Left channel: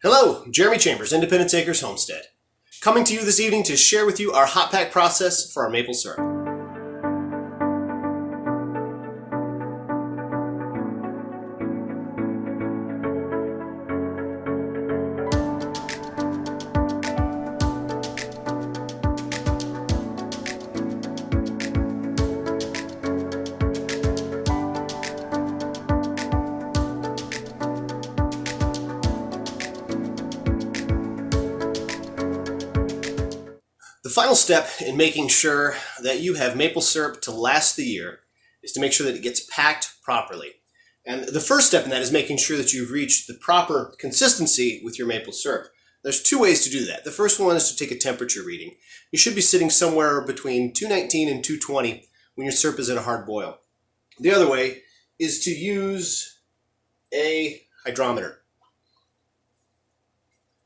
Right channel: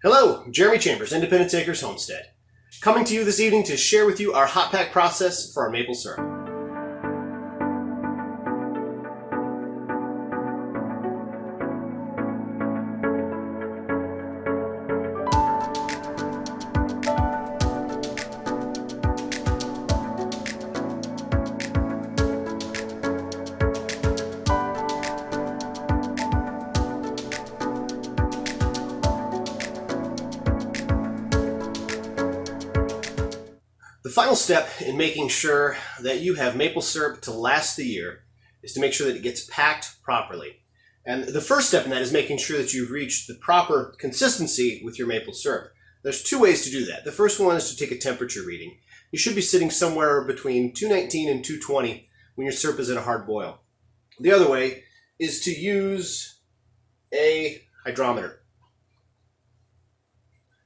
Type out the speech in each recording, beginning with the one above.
Hello, Jeremy Chambers, Independence Acres Homestead. Coming to you this evening to share with you our hot pack process for our maple syrup. The final step in making sure that you have maple syrup to last the year is to make sure that it gets packed properly. And the first step in that is making sure that you've reached the proper consistency with your maple syrup. There's two ways to do that. The first one is to take a temperature reading. You should be sitting somewhere between 219 and 220 when your syrup is at a hard boil. The other way is to use a hydrometer.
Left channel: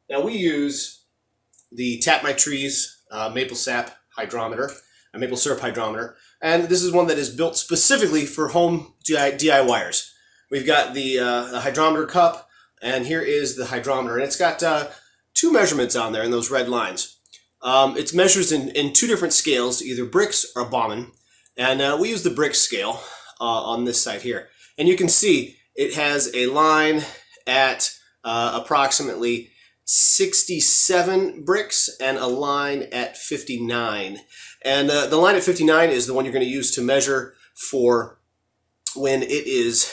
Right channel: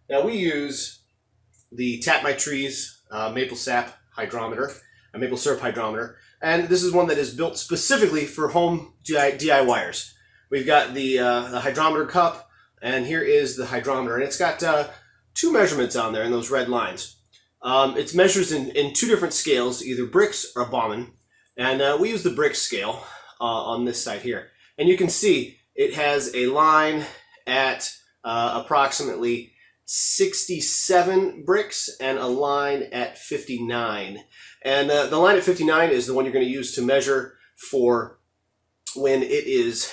Now we use the Tap My Trees maple sap hydrometer, a maple syrup hydrometer, and this is one that is built specifically for home DIYers. We've got the hydrometer cup, and here is the hydrometer, and it's got two measurements on there in those red lines. It measures in two different scales, either bricks or Bauman, and we use the brick scale on this side here. And you can see it has a line at approximately 67 bricks and a line at 59. And the line at 59 is the one you're going to use to measure for when it is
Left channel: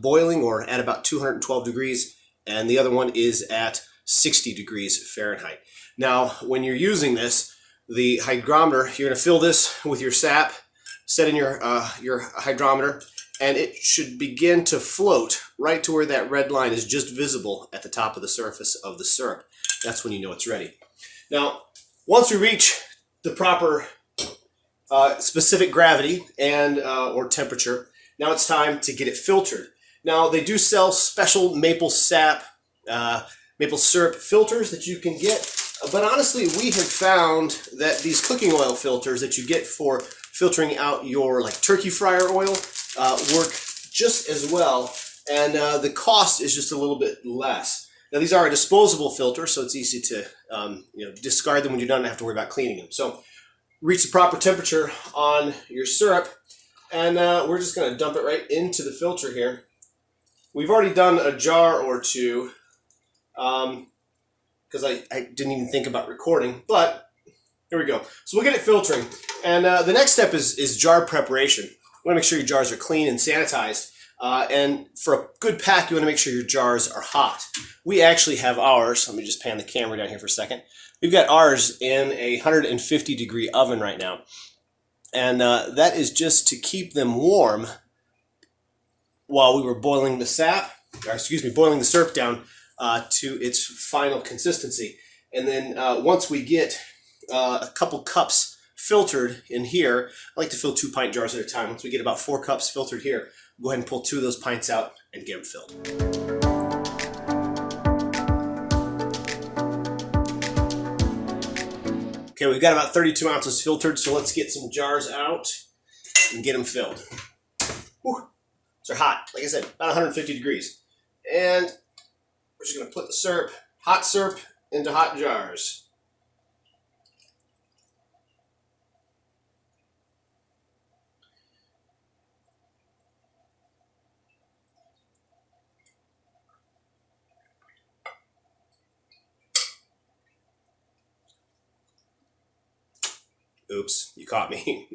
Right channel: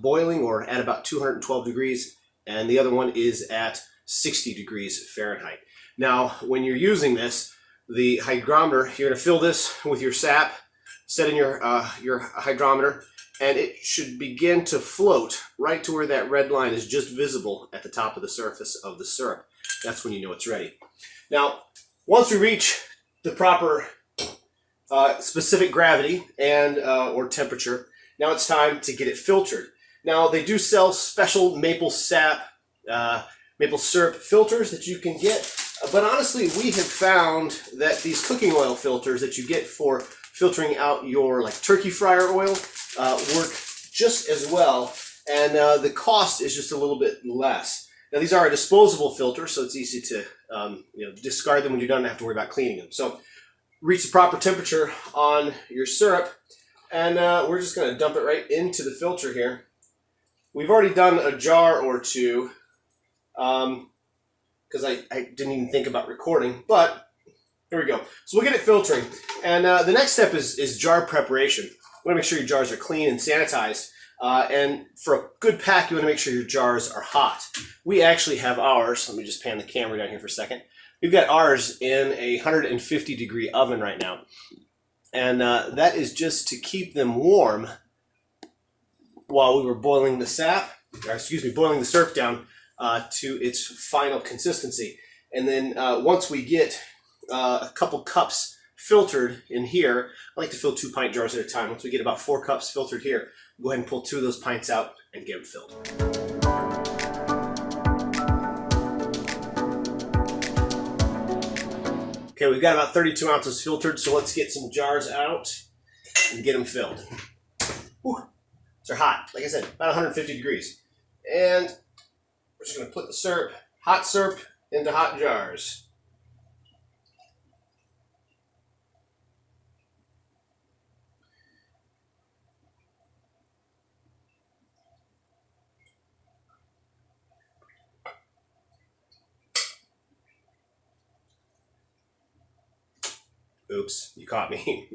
boiling or at about 212 degrees, and the other one is at 60 degrees Fahrenheit. Now, when you're using this, the hydrometer, you're going to fill this with your sap, set in your hydrometer, and it should begin to float right to where that red line is just visible at the top of the surface of the syrup. That's when you know it's ready. Now, once we reach the proper specific gravity and or temperature, now it's time to get it filtered. Now, they do sell special maple sap, maple syrup filters that you can get, but honestly, we have found that these cooking oil filters that you get for filtering out your like turkey fryer oil work just as well, and the cost is just a little bit less. Now, these are a disposable filter, so it's easy to discard them when you don't have to worry about cleaning them. So reach the proper temperature on your syrup, and we're just going to dump it right into the filter here. We've already done a jar or two because I didn't even think about recording, but here we go. So we'll get it filtering, and the next step is jar preparation. You want to make sure your jars are clean and sanitized, and for a good pack, you want to make sure your jars are hot. We actually have ours. Let me just pan the camera down here for a second. We've got ours in a 150 degree oven right now, and that is just to keep them warm while we were boiling the boiling the syrup down to its final consistency. And then once we get a couple cups filtered in here, I like to fill 2 pint jars at a time. Once we get about 4 cups filtered here, go ahead and pull 2 of those pints out and get them filled. Okay, we've got about 32 ounces filtered, so let's get some jars out and get them filled. Whew. They're hot, like I said, about 150 degrees. And we're just going to put the hot syrup, into hot jars. Oops, you caught me.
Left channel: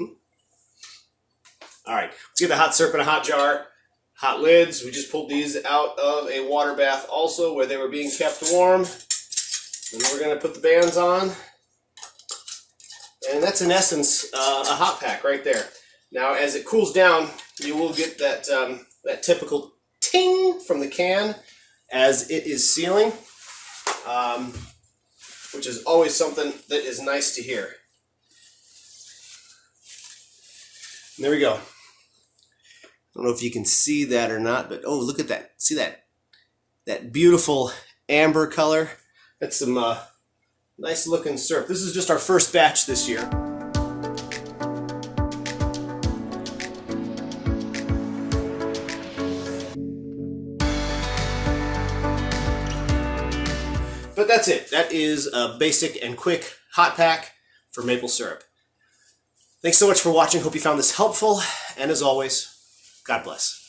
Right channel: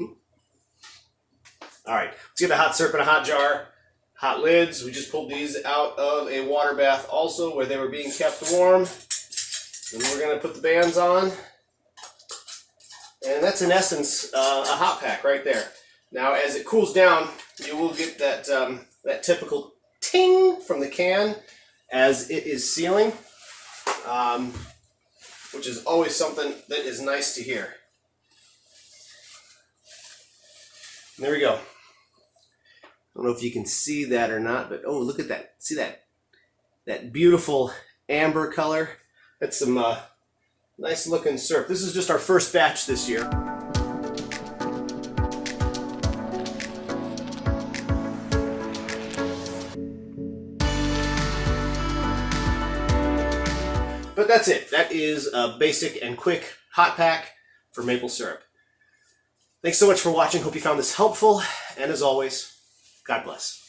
All right, let's get the hot syrup in a hot jar. Hot lids, we just pulled these out of a water bath also where they were being kept warm. And then we're gonna put the bands on. And that's in essence a hot pack right there. Now as it cools down, you will get that, that typical ting from the can as it is sealing. Which is always something that is nice to hear. And there we go. I don't know if you can see that or not, but oh, look at that. See that beautiful amber color? That's some nice looking syrup. This is just our first batch this year. But that's it. That is a basic and quick hot pack for maple syrup. Thanks so much for watching. Hope you found this helpful. And as always, God bless.